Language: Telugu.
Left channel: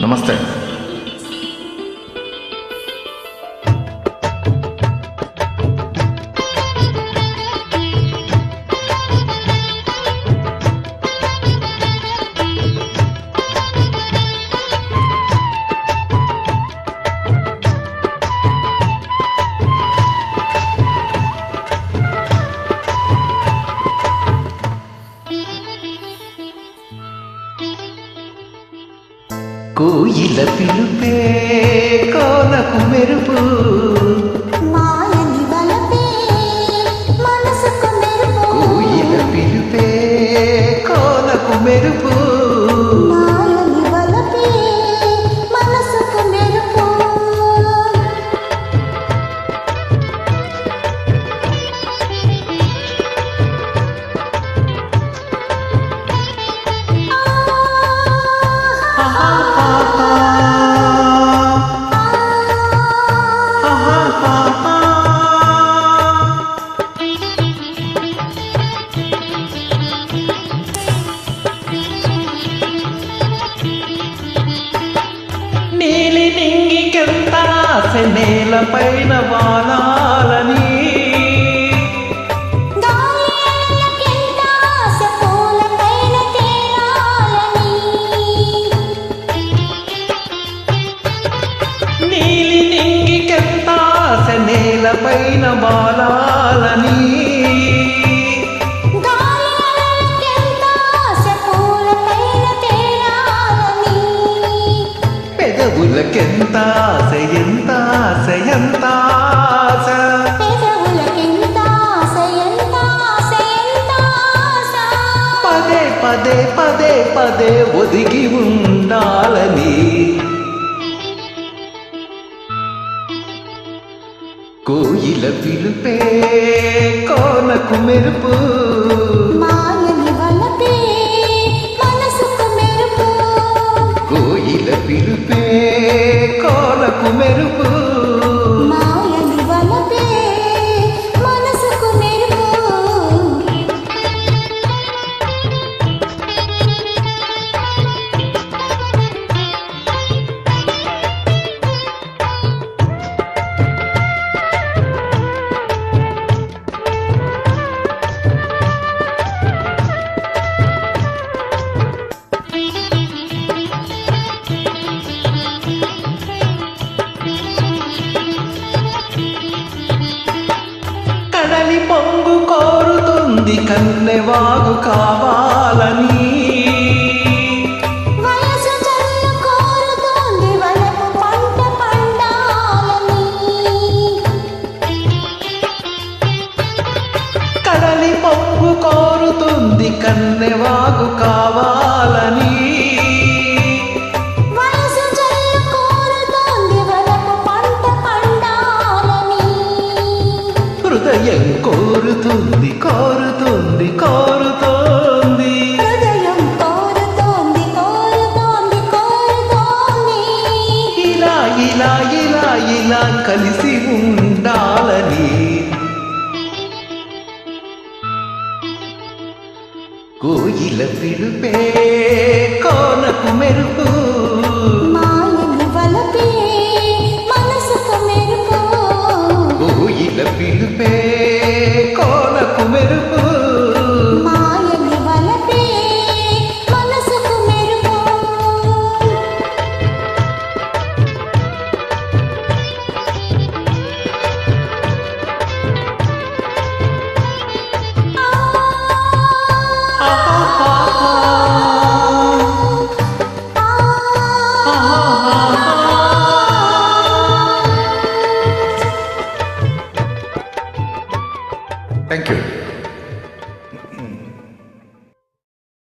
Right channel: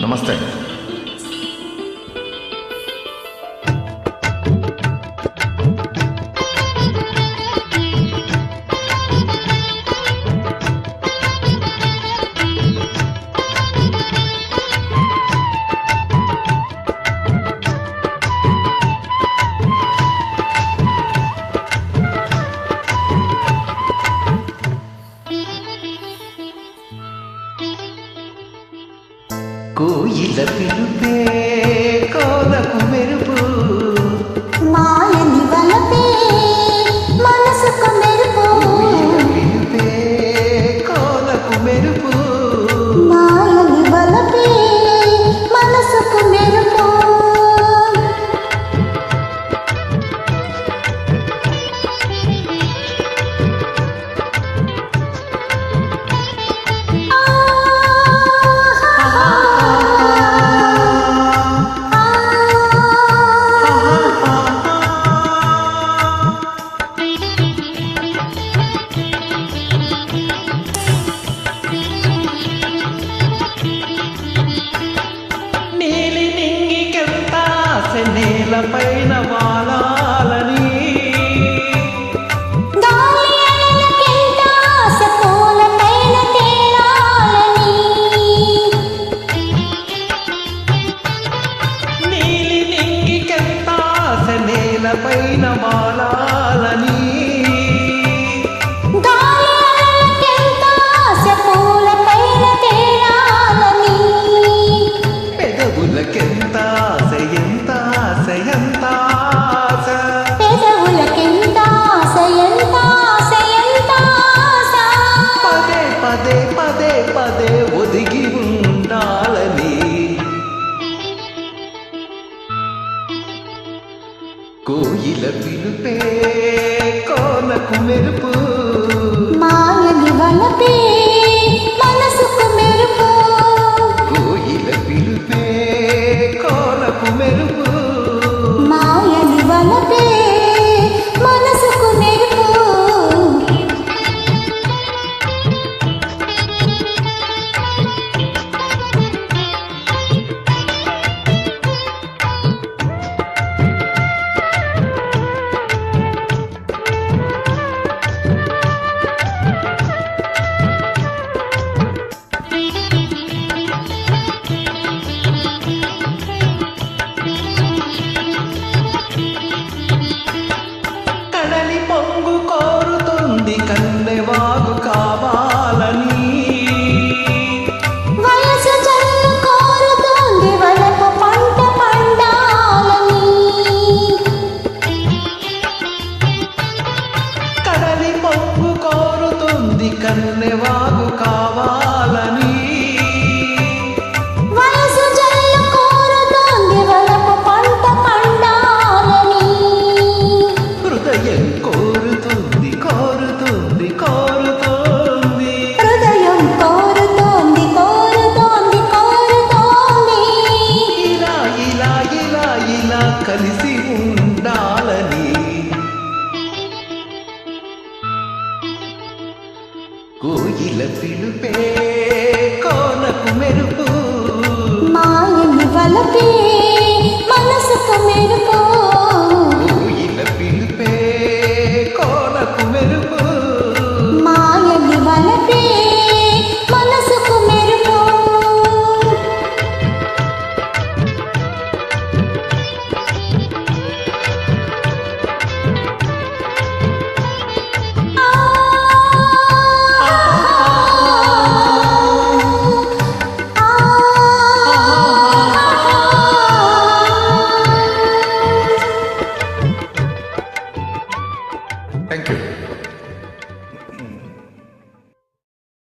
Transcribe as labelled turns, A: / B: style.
A: నమస్తే.
B: కోయిల పిలుపే కోనకు మెరుపు.
C: మాయని వలపే మనసుకు మెరుపు.
B: కోయిల పిలుపే కోనకు మెరుపు.
C: మాయని వలపే మనసుకు మెరుపు.
B: నీలి నింగికెంత ఆశ నేలపైన వాలాలని. నీలి నింగికెంత ఆశ నేలపైన వాలాలని. ఎంత ఆశ ఎంత ఆశ?
C: పెదవులకెంత ఆశ ఎంత ఆశ ఎంత ఆశ?
B: పదే పదే పదే పదే ఒదిగి ఉండాలని. కోయిల పిలుపే కోనకు మెరుపు.
C: మాయని వలపే మనసుకు మెరుపు.
B: కోయిల పిలుపే కోనకు మెరుపు కడలి పొంగు కోరుతుంది కన్నెవాగు కావాలని.
C: వయసు జల్లు కోరుతోంది వలపు పంట పండాలని.
B: కడలి పొంగు కోరుతుంది కన్నెవాగు కావాలని. హృదయం కోరుతుంది కోరుతుంది కోరుతోంది.
C: హృదయం కోరుతోంది కోరుతోంది కోరుతోంది.
B: ఇలా ఇలా ఇలా ఇలా కలిసి ఉండాలని. కోయిల పిలుపే కోనకు మెరుపు. కోనకు